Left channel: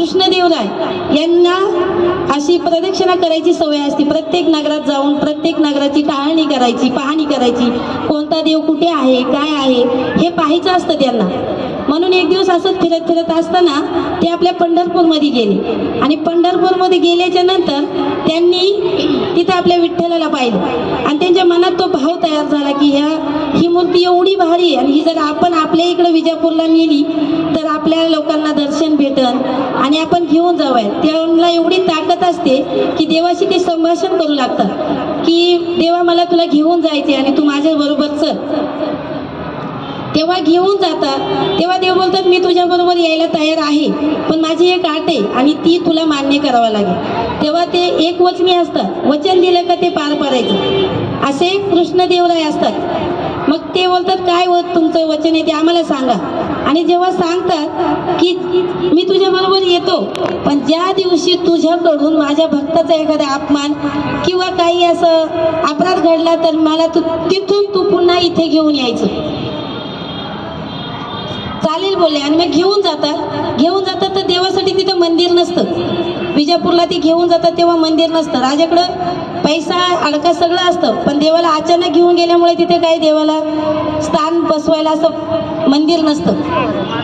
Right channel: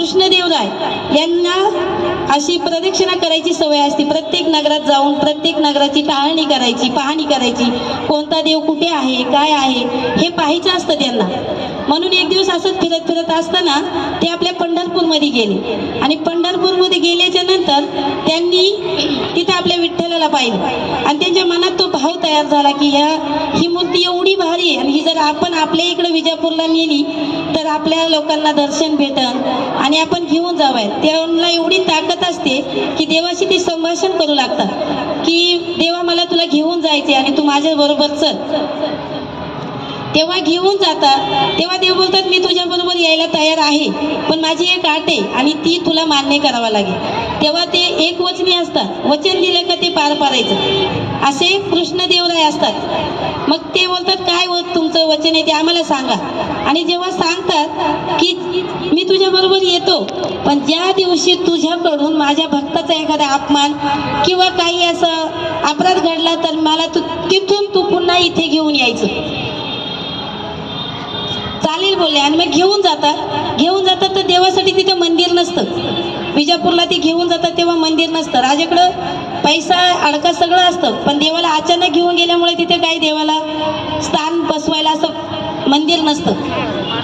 कृष्णदेवराय यांना अशी प्रदक्षिणा करायची सवय असते. प्रत्येक नगरात जाऊन प्रत्येक नगराची टाळणी करायची पाहणी करायची. कोणता देव कुठे आहे काय आहे हे पाहायचं असतं त्यांना. म्हणून एक दिवस असंच फिरत फिरत असताना ते आपल्या पंढरपूरमध्ये गेले. आणि पंढरपूरमध्ये गेल्याच्यानंतर त्यांनी तिथं आपल्या विठ्ठलाला पाहिलं. आणि त्यांच्या मनात तो भाव तयार झाला की ह्या ही मूर्ती एवढी भारी आहे आणि ही जर आपण आपल्या इकडे विजापूरला नेली तर आपल्या लोकांना दर्शन भेटन आणि आपण घेऊन जावं. त्यांना एवढी ताकद असते की देवाशी ते संभाषण करू लागतात की देवा मला तुला घेऊन जायचे आणि तू माझ्याबरोबर चल. तेव्हा घेऊन जातात तेव्हा देव बोलतात मी तुझ्याबरोबर यायला तयार आहे पण माझी एक आट आहे आणि ती तुला मान्य करावं लागेल. तेव्हा ते एक वचनी असतात. वचन दिलं का ते पार पाडायचं. असे कृष्णदेवराय असतात. मग ते बोलतात काय व तुमचं वचन आहे ते आम्हाला सांगा. आणि जेव्हा सांगतात की मी तुझ्याबरोबर येतो पण ज्या दिवशी तुझ्याकडून माझ्या भक्ताचा एखादा अपमान किंवा काही असं अपराध घडला तर मला तू तिथून तू पुन्हा इथे घेऊन यायचं. चालेल बोलले आणि मग घेऊन जातात. घेऊन जातात तर देवासाठी तिथं मंदिर नसतं. विजापूरला ते घेऊन जातात तेव्हा मंदिर नसतं. राजाकडं पैसा अडका सगळं असतं. पण देवाला अचानक घेऊन गेल्यामुळे तिथे काही देवाला स्थान बसवायला असं मंदिर नसतं.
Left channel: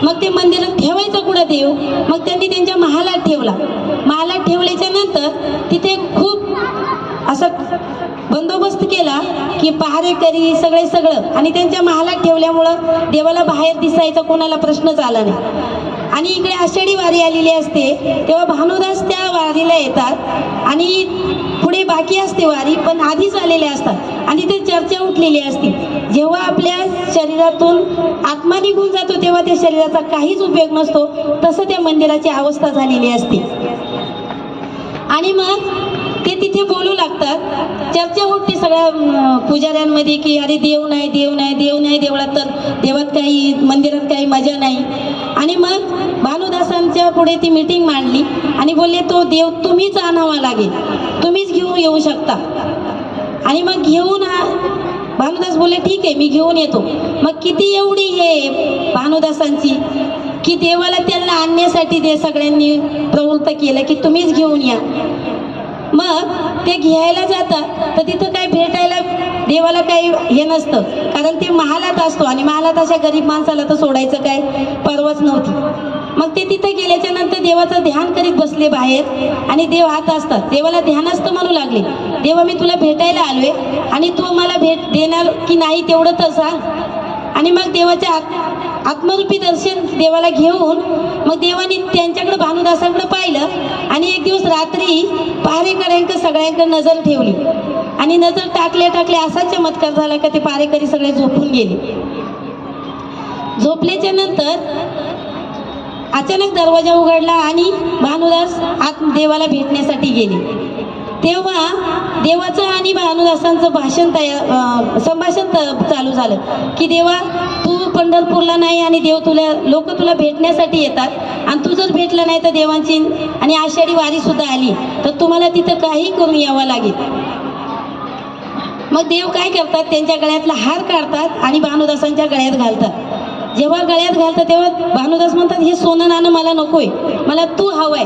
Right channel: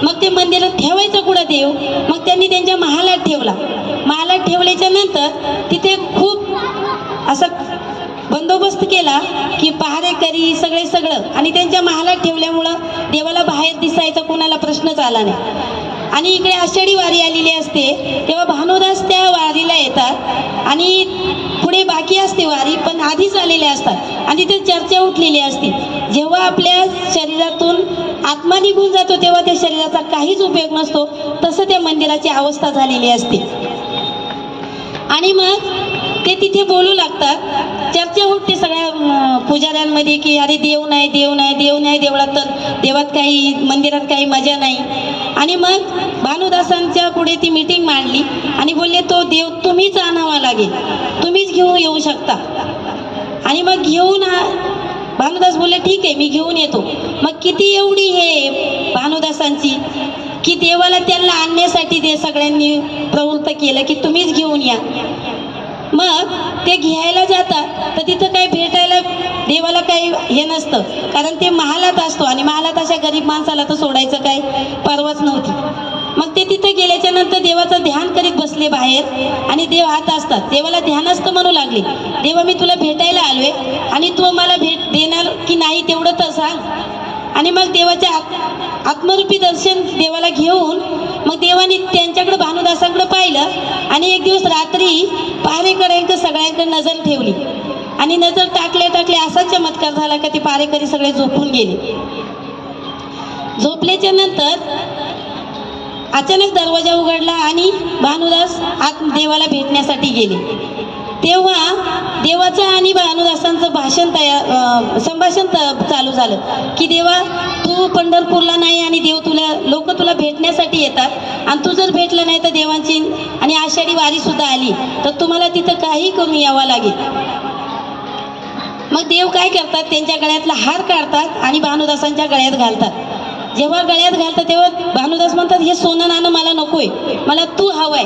मग ते मंदिरात ठेवायचं कुठं देव? मग त्यांनी त्यांच्या महालात ठेवला. महालात ठेवल्याच्या नंतर तिथे खूप असं बंदोबस्त केला की पहारेकरी सगळे सगळं. आणि त्यांच्या महालात ठेवल्यामुळं देवाला बाहेर दिसायचा कोणाला प्रश्नच आला नाही. आणि इकडे आषाढी वारी आलेली असते तेव्हा भानुदास त्या वारीला येतात. आणि पुढे बाकी असते वारी पण आधीच आलेल्या असतात. आणि ते चर्चा उठलेली असते. जेव्हा आपल्या शरीरातून आत्मा निघून जातो तेव्हा त्या शरीराचा काहीच उपयोग नसतो. तसं त्या मंदिराची अवस्था झालेली असते. आणि मग ते तिथे बोलू लागतात. चर्चा होते सगळ्या पुजाऱ्यांमध्ये की अरे देव नाही देव नाही देव नाही देवळात तर देवात काही मंदिरात काही मजा नाही. आणि मग भानुदासांच्या पुढे ती मीटिंग मांडली आणि बोलले तो देव तुम्हीच आणावा लागेल. तुम्हीच घेऊन येऊ शकता. आणि मग घेऊन आ- भानुदास बोलले ठीक आहे मी घेऊन येतो. मग किती एवढी हे भानुदासांची की देवाला त्यांना आणण्यासाठी ते सगळ्यांनी प्रवृत्त केलं की तुम्हीच घेऊन या. मग ते घ्यायला जातात तर तिथं काही भेटायला देवाला काही हे नसतं. कारण ते महालात असतो आणि महालात अशा गरीब माणसाला तर सोडायचं काय परवाच नव्हती. मग ते तिथे गेल्याच्यानंतर देवाचं ध्यान करीत बसले बाहेर आणि देव हात असतात. देवाला ध्यानस्थ म्हणू लागले. देवा मी तुला भेटायला आलोय आणि तू मला भेट देणार की नाही तेवढं तर सांग. आणि मग देवाच्या आत आत्मरूपी दर्शन देवाला घेऊन मग देवाने त्यांच्याकडे भानुदासांकडे पाहिलं आणि एक दिवस रात्री पहारेकऱ्यांकडे सगळ्यांकडे नजर ठेवली. आणि नजर टाकले टाकले असा चमत्कार झाला का ते पारेकरी सगळे झोपून गेले. झोपल्याच्या नंतर अचानक दरवाजा उघडला आणि भानुदास आत देवाला भेटण्यासाठी गेले. तेव्हा देवाचं आणि भानुदासांचं भाषण तयार संभाषण त- चालू झालं. की देवा तू पंढरपूरला नाही आणि देव तुला लोक तुला भेटण्यासाठी येतात. आणि तू जर भेटला नाही तर देवांची आणि आषाढी वारीसुद्धा आली तर तुम्हाला तिथं काही करून यावं लागेल. मग देव काय करतात? त्यांच्या गळ्यातला हार काढतात आणि भानुदासांच्या गळ्यात घालतात. जेव्हा गळ्यात घालतात तेव्हा भानुदास म्हणतात हे सोनं नाणं मला नकोय. मला तू हवंय.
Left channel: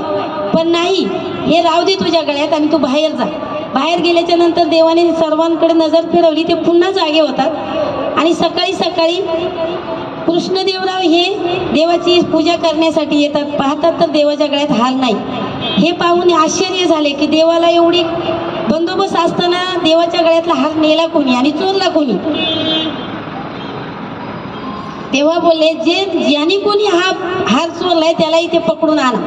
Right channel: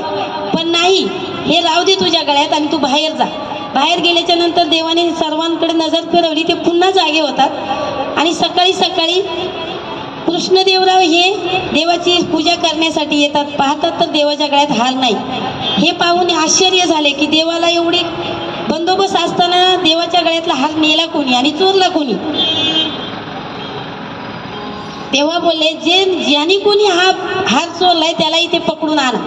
पण नाही हे राहू दे तुझ्या गळ्यात आणि तू बाहेर जा. बाहेर गेल्याच्यानंतर देवाने सर्वांकडे नजर फिरवली. ते पुन्हा जागे होतात. आणि सकाळी सकाळी कृष्णदेवराव हे देवाची पूजा करण्यासाठी येतात. पाहतात तर देवाच्या गळ्यात हार नाही. हे पाहून आश्चर्य झाले की देवाला एवढी बंदोबस्त असताना देवाच्या गळ्यातला हार नेला कोणी आणि चोरला कोणी? तेव्हा बोलले जे ज्याने कोणी हा हार चोरलाय त्याला इथे पकडून आणा.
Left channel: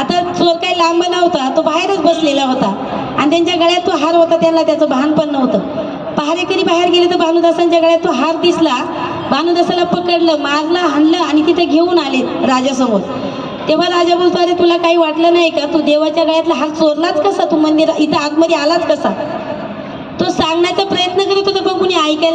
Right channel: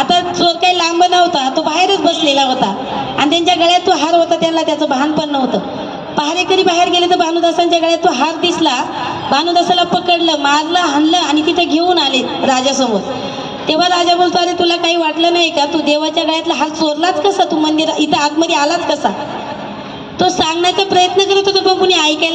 आता चोर काही लांब नव्हता तो बाहेरच बसलेला होता. आणि त्यांच्या गळ्यात तो हार होता त्यांना त्याचं भान पण नव्हतं. पहारेकरी बाहेर गेले तर भानुदासांच्या गळ्यात तो हार दिसला. भानुदासाला पकडलं मारलं हाणलं आणि तिथे घेऊन आले राजासमोर. तेव्हा राजा बोलतो अरे तुला काही वाटलं नाही का? तू देवाच्या गळ्यातला हार चोरलाच कसा? तू मंदिर इथं आतमध्ये आलाच कसा? तो सांगण्याचा प्रयत्न करत होता पण कुणी ऐकायला